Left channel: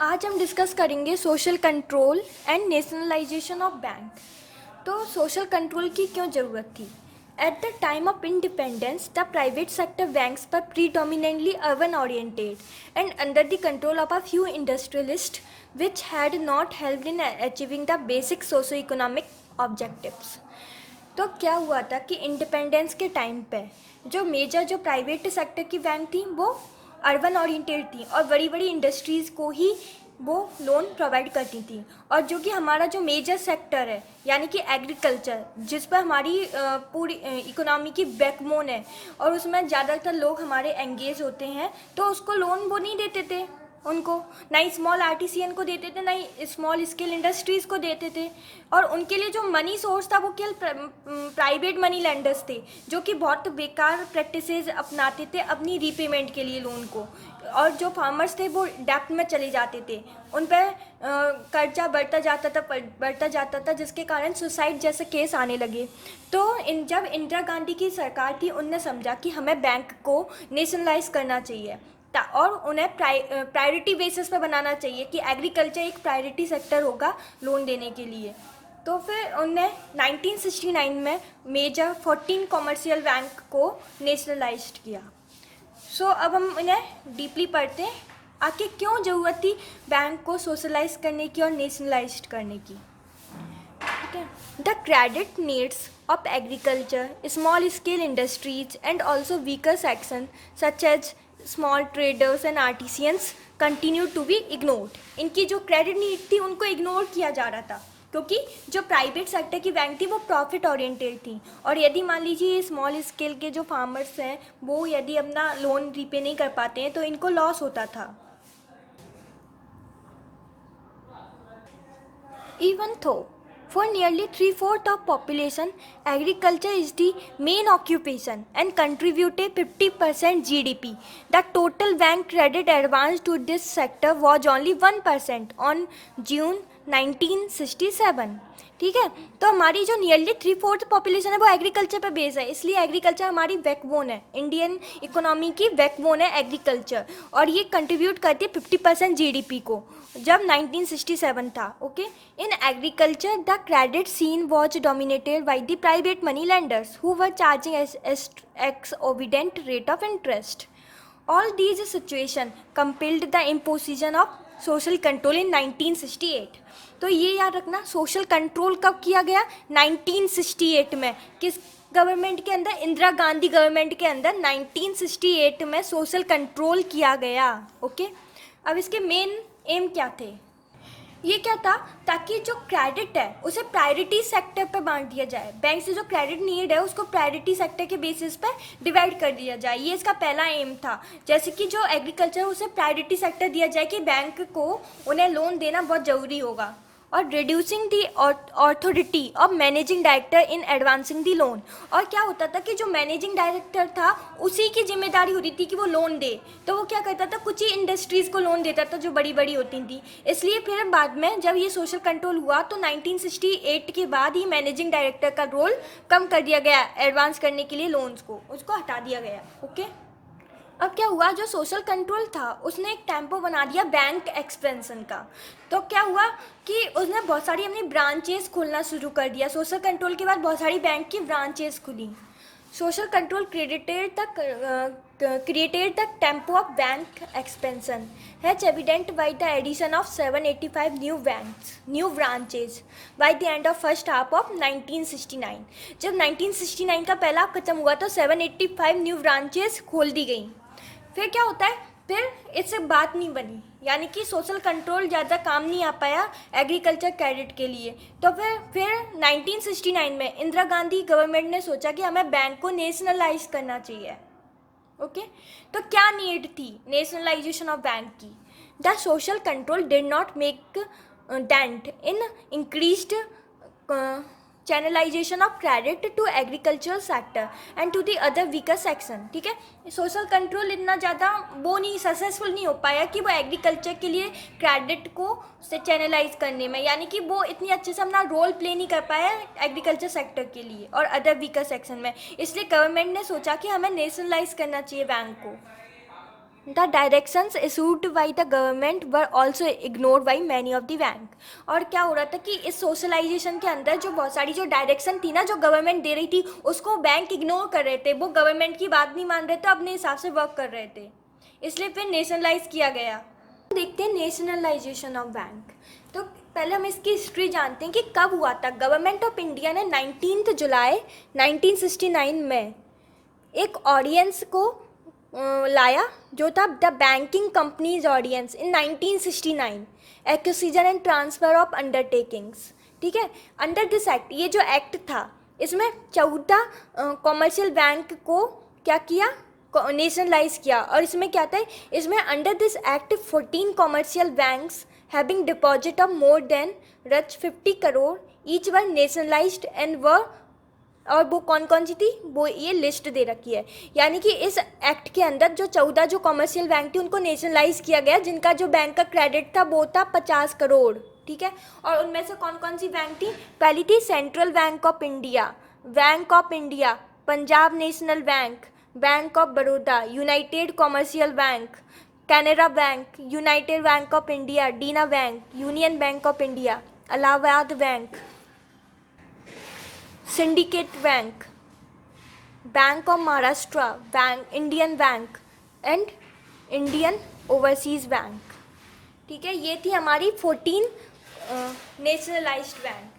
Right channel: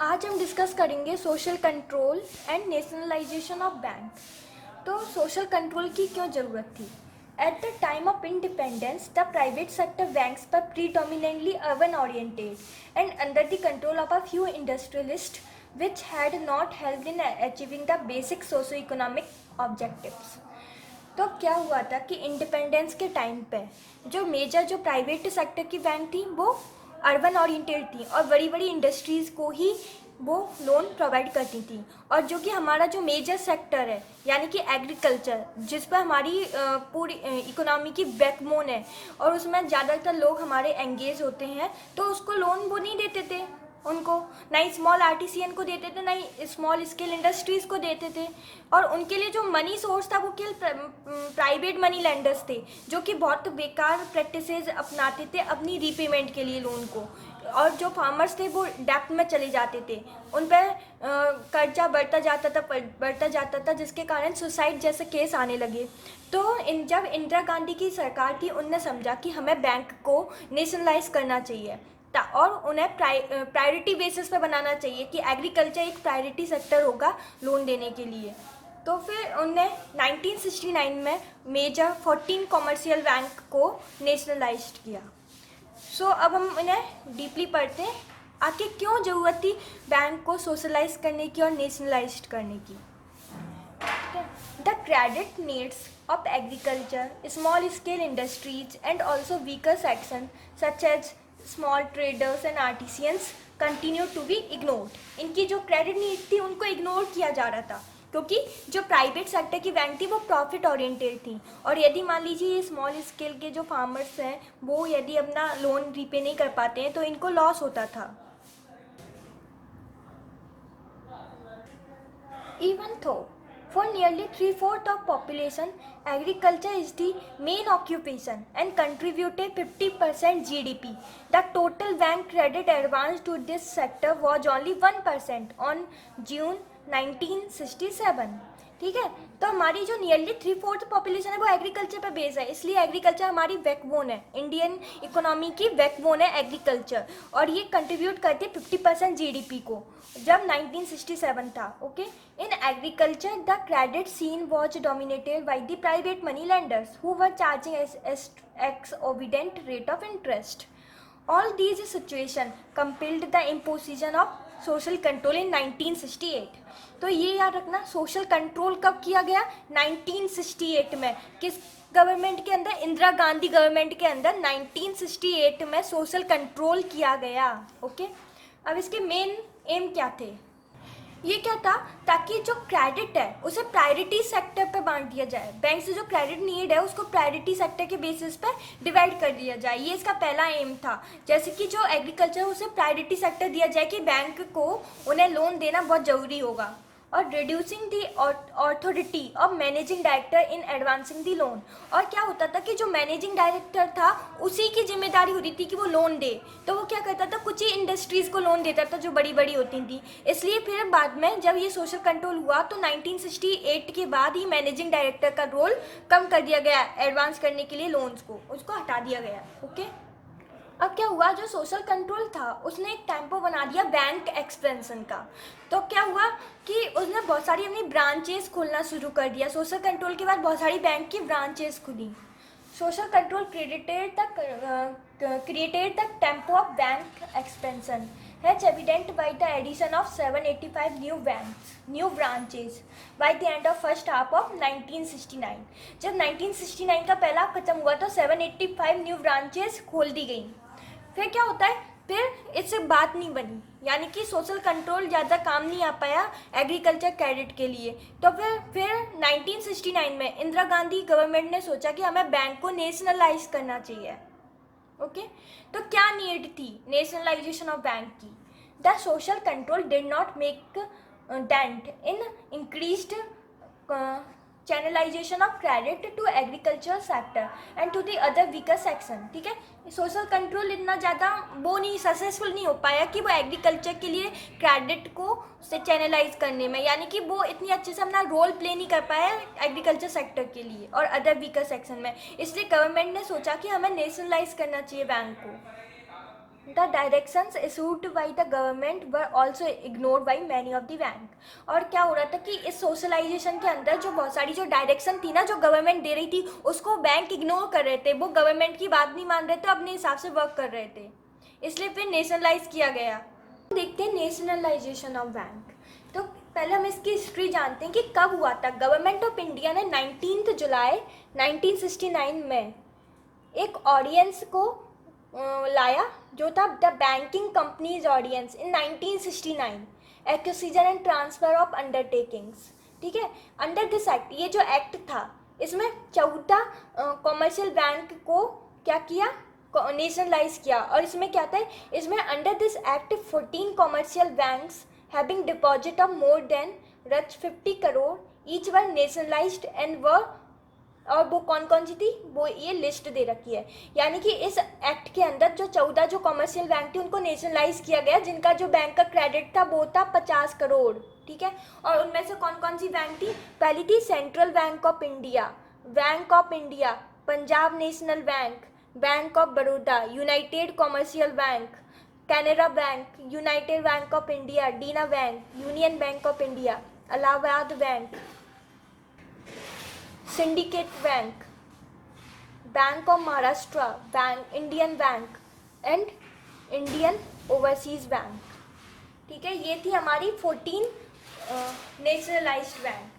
आज हम डिस्कस करेंगे social control and nationalisation of bank. तो सोशल कंट्रोल की क्यों ज़रूरत थी? At the time of independence the private sector banks पर predominantly urban oriented and under the control of a few industrialists which had not helped in achieving the basic socio-economic objectives। तो क्या हुआ था कि इंडिपेंडेंस के time पे जो major जो प्राइवेट सेक्टर की बैंक थी वो अर्बन ओरिएंटेड थी और बड़ी बड़ी इंडस्ट्रीज़ को ही वो लोन प्रोवाइड करती थी। और जो कि हमारा जो मेजर सेक्टर है यानी कि एग्रीकल्चर, जिस पर हमारी पूरी इकोनॉमी की बैकबोन है और उसमें ज़्यादातर लोग हमारे एंगेज होते हैं, तो उसको लोन वो नहीं देते थे उनको, ना ही स्मॉल आर्टिसियन को देते थे, ना ही स्मॉल स्केल इंडस्ट्रीज़ को देते थे। और उनके लिए जो मनी सोर्स था वो केवल प्राइवेट मनी लेंडर्स थे, जो कि बहुत बेकार प्रैक्टिसेस अपनाते थे अपनी रीपेमेंट के लिए लोन को। और जो फार्मर्स थे वो डेप्ट में चले जाते थे, उन पर कर्जा बढ़ता जाता था जिसके कारण सुसाइड जैसे केस आने लगे। तो जब इंदिरा गांधी की सरकार थी, उनने समझा कि हमें बैंक को नेशनलाइज करना चाहिए और उन्हें प्रायोरिटी बेसिस पे बनाना चाहिए कि एग्रीकल्चर एक प्रायोरिटी सेक्टर होगा लोन देने के लिए। तो फिर उनने 1969 में मेजर 14 कॉमर्शियल बैंक को नेशनलाइज्ड किया। अब हम इन्हें डीपली पढ़ते हैं, आखिर क्यों ज़रूरत थी बैंक को सोशलाइज करने की और नेशनलाइज्ड करने की। The credit needs of agriculture, small scale industries and also weaker sections such as small traders and artisans continue to be ignored। इनकी जो क्रेडिट नीड थी उनको इग्नोर किया जा रहा था, क्योंकि जो प्राइवेट सेक्टर की बैंक थी वो प्रॉफिट ओरिएंटेड थी। और यदि मान लीजिए स्मॉल स्केल के जो फार्मर्स हैं वो यदि अपना लोन रीपे नहीं कर पाते हैं तो इनको लॉस होता था। Even though for nearly 3/4 of population, agriculture is the main occupation and contributed 50% GDP, the total bank credit advance to this sector was only 1% on June 1967। ठीक है, तो हमारी जो नियरली 3/4 पॉपुलेशन है वो एग्रीकल्चर पे बेस है, इसलिए एग्रीकल्चर हमारी बैकबोन है, इंडियन इकोनॉमी की बैकबोन है एग्रीकल्चर। और ये कंट्रीब्यूट करती है 50% जीडीपी को, जब 1967 था। Okay, in agriculture the credit scene was dominated by the private money lenders who were charging exorbitant rate of interest। All these situation compelled the imposition of social control इन 1968। तो ये याद रखना, social control कब किया गया? 1968 में। किस government के अंदर? इंदिरा गांधी गवर्नमेंट के अंदर 1968 में सोशल कंट्रोल किया गया। ओके, अब इसके मेन एम क्या थे? ये क्या था, ताकि जो क्रेडिट है उसे प्रायोरिटी सेक्टर पे बांट दिया जाए, बैंक से जो क्रेडिट नीड है उसको प्रायोरिटी सेक्टर के बेसिस पे डिवाइड कर दिया जाए। ये इसका पहला एम था। जैसे कि जो एग्रीकल्चर उसे प्रायोरिटी सेक्टर दिया जाए कि बैंक को उन्हें लोन देना बहुत ज़रूरी होगा। और reducing the authority of managing director in advancing the loan. और क्या होता था कि जो मैनेजिंग डायरेक्टर था उसी की जिम्मेदारी होती थी कि वो लोन दे, तो वो क्या करता था, कुछ ही इंडस्ट्रीज़ को लोन देता था जो बड़ी बड़ी होती थी। इसलिए फिर बाद में जब ये सोशल कंट्रोल हुआ तो 1968 के बाद ही मैनेजिंग डायरेक्टर का रोल कम कर दिया गया, एडवांस करने के लिए लोन्स को उसको हटा दिया गया। ओके, अब क्या हुआ, जो सोशल कंट्रोल था उसने एक टेम्पो बना दिया बैंक एक्सपेंशन का। तो क्या हुआ कि उसने बहुत सारी अपनी ब्रांचेस खोलना शुरू कर दिया। सोशल कंट्रोल के बाद बहुत सारी बैंक की ब्रांचेस खुली। Social control created the tempo of bank expansion has evident by the addition of 785 new branches by the end of first half of 1969। जब 1969 का पहला खत्म हुआ तो 785 न्यू ब्रांचेस खोल दी गई। फिर क्या होता है, फिर इससे बात नहीं बनी, यानी कि सोशल कंट्रोल ज़्यादा काम नहीं आ पाया एग्रीकल्चर क्रेडिट के लिए। तो फिर 1969 में इंदिरा गांधी गवर्नमेंट ने सोचा कि हमें बैंक को नेशनलाइज करना चाहिए। ओके, तो क्या नीड थी नेशनलाइजेशन ऑफ बैंक की? The social control did not make dent in increased channelisation of credit to agriculture sector and to the other weaker section. ठीक है, सोशल कंट्रोल इतना ज़्यादा वो नहीं सक्सेसफुल नहीं हो पाया कि वो एग्रीकल्चर के लिए क्रेडिट को से चैनलाइज करने में, यानी कि वो इतनी अच्छे से अपना रोल प्ले नहीं कर पाया एग्रीकल्चर सेक्टर के लिए और अदर वीकर सेक्शन में। इसलिए गवर्नमेंट ने सोचा कि हमें नेशनलाइज करना चाहिए बैंक को। The directions issued by the government were also ignored by many of the bank. और क्या हो रहा था कि इस सोशलाइजेशन के अंदर जो बहुत सारी जो डायरेक्शन थी ना, जो गवर्नमेंट दे रही थी, उसको बैंक इग्नोर कर रहे थे। वो गवर्नमेंट की बात नहीं मान रहे थे, अपने हिसाब से वर्क कर रहे थे, इसलिए फिर नेशनलाइज किया गया। देखते हैं नेशनलाइजेशन ऑफ बैंक। तो पहले हम इसकी हिस्ट्री जानते हैं कि कब हुआ था। गवर्नमेंट ऑफ इंडिया ने 19 जुलाई 1969 में एक ऑडियंस को लाया, जो था the banking companies audience in 1969, acquisition and transfer of undertakings. ठीक है, अंडर दिस एक्ट, ये जो एक्ट था, इसमें 14 कॉमर्शियल बैंक को क्या किया, नेशनलाइज किया। और इसमें क्या था, इसमें under this act 14 commercial banks having deposit of more than रच 50 crore each were nationalised and were, और वो कौन कौन सी थी वो ये लिस्ट दे रखी है। यानी कि इस एक्ट के अंदर जो 14 जो कॉमर्शियल बैंक थी उनको नेशनलाइज किया गया, जिनका जो बैंक का क्रेडिट था वो था 50 करोड़। ठीक है, और उनमें से कौन कौन सी बैंक थी, पहली थी central bank of India, Punjab national bank, bank of Baroda, united commercial bank, Canara bank, united bank of India, Dena bank, union bank of India, Allahabad bank, syndicate bank, bank of Maharashtra, Indian bank and Indian overseas bank. ठीक है, ये थी हमारी 14 nationalised bank,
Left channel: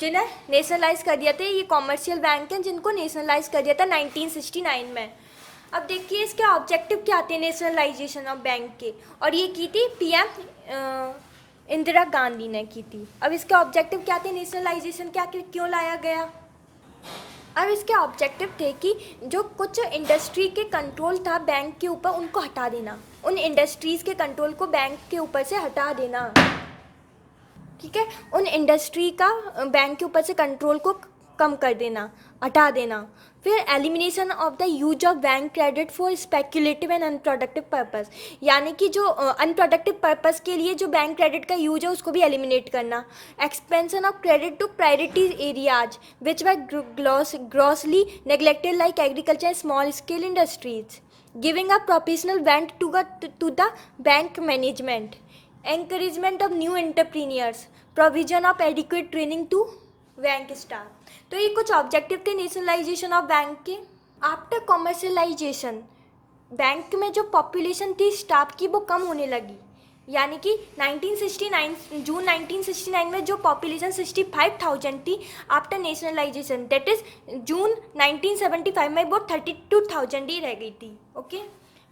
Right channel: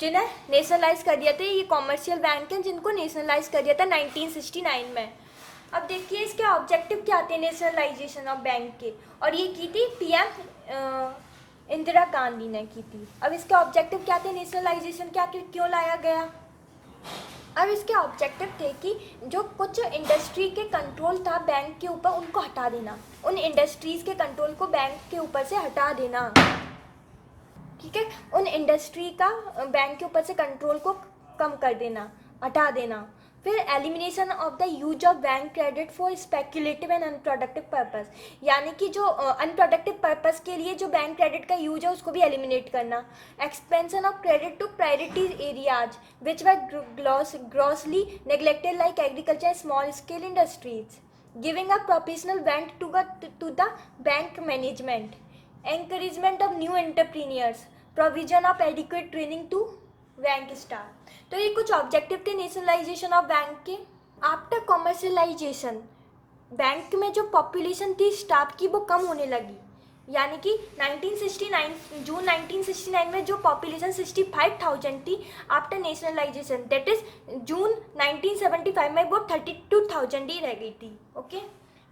जिन्हें nationalise कर दिया था। ये कॉमर्शियल बैंक हैं जिनको नेशनलाइज कर दिया था 1969 में। अब देखिए इसके ऑब्जेक्टिव क्या थे नेशनलाइजेशन ऑफ बैंक के, और ये की थी पीएम इंदिरा गांधी ने की थी। अब इसके ऑब्जेक्टिव क्या थे, नेशनलाइजेशन क्या क्यों लाया गया। अब इसके ऑब्जेक्टिव थे कि जो कुछ इंडस्ट्री के कंट्रोल था बैंक के ऊपर, उनको हटा देना, उन इंडस्ट्रीज़ के कंट्रोल को बैंक के ऊपर से हटा देना। ठीक है, उन इंडस्ट्री का बैंक के ऊपर से कंट्रोल को कम कर देना, हटा देना। फिर elimination of the use of bank credit for speculative and unproductive purpose, यानी कि जो अनप्रोडक्टिव पर्पस के लिए जो बैंक क्रेडिट का यूज है उसको भी एलिमिनेट करना। Expansion of credit to priority areas which were grossly neglected like agriculture, small scale industries, giving a professional bank to the bank management, encouragement of new entrepreneurs, provision of adequate training to bank staff. तो ये कुछ objective थे nationalisation of bank के। After commercialisation bank में जो population थी staff की वो कम होने लगी, यानी कि 1969 जून 1969 में जो पॉपुलेशन 65,000 थी, आफ्टर नेशनलाइजेशन दैट इज जून 1975 में वो 32,000 ही रह गई थी। Okay,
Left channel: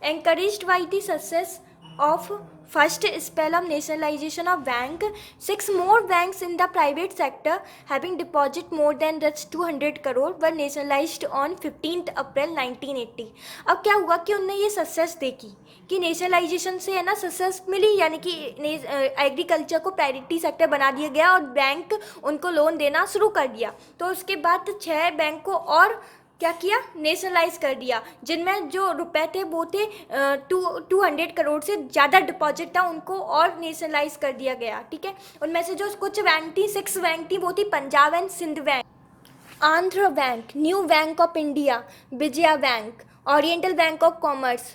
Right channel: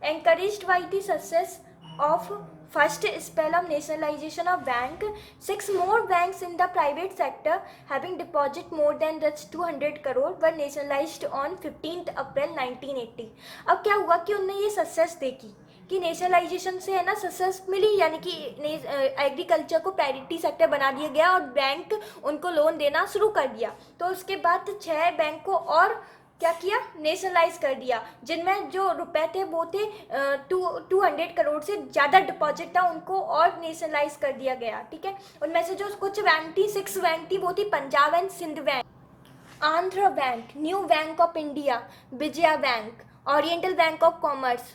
encouraged by the success of first spell of nationalization of bank, 6 more banks in the private sector having deposit more than 200 crore were nationalized on 15th April 1980। अब क्या हुआ कि उनने ये सक्सेस देखी कि नेशनलाइजेशन से है ना सक्सेस मिली, यानी कि एग्रीकल्चर को प्रायोरिटी सेक्टर बना दिया गया और बैंक उनको लोन देना शुरू कर दिया। तो उसके बाद 6 बैंक को और क्या किया, नेशनलाइज कर दिया, जिनमें जो रुपए थे वो थे 200 करोड़ से ज़्यादा डिपॉजिट था, उनको और नेशनलाइज कर दिया गया। ठीक है, उनमें से जो कुछ बैंक थी, 6 बैंक थी, वो थी Punjab and Sind Bank, Andhra Bank, New Bank of India, Vijaya Bank, Oriental Bank of Commerce,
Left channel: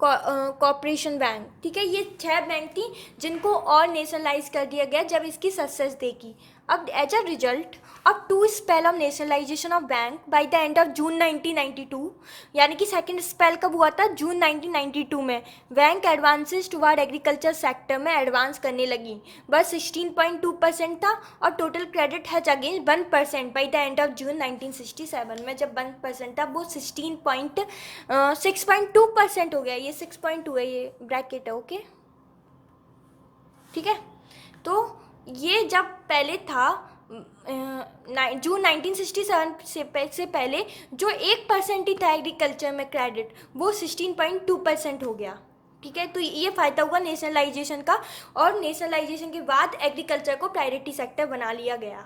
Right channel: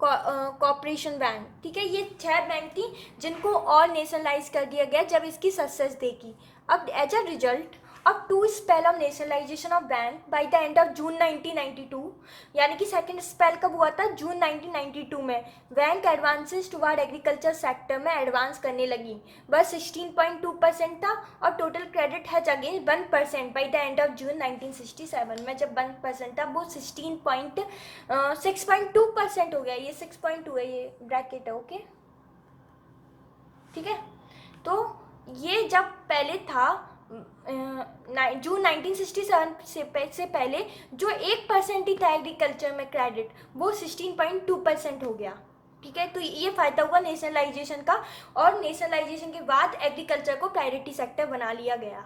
Corporation Bank. ठीक है, ये 6 बैंक थी जिनको और नेशनलाइज कर दिया गया जब इसकी सक्सेस देखी। अब एज अ रिजल्ट अब 2 spell of nationalisation of bank by the end of June 1992, यानी कि सेकंड स्पेल कब हुआ था, जून 1992 में। Bank advances toward agriculture sector में एडवांस करने लगी, बस 16.2% था और total credit has again 1% by the end of June 1967 में। जब 1% था वो 6.2% हो गया, ये 6.2 है, ये ब्रैकेट है। ओके, ठीक है, तो ये जब पहले था जून 1967 से पहले जो 1% ही था एग्रीकल्चर में क्रेडिट, वो 16.2% हो गया। ठीक है, तो ये फ़ायदा हुआ नेशनलाइजेशन का, और नेशनलाइजेशन के बाद एग्रीकल्चर को प्रायोरिटी सेक्टर बना लिया गया।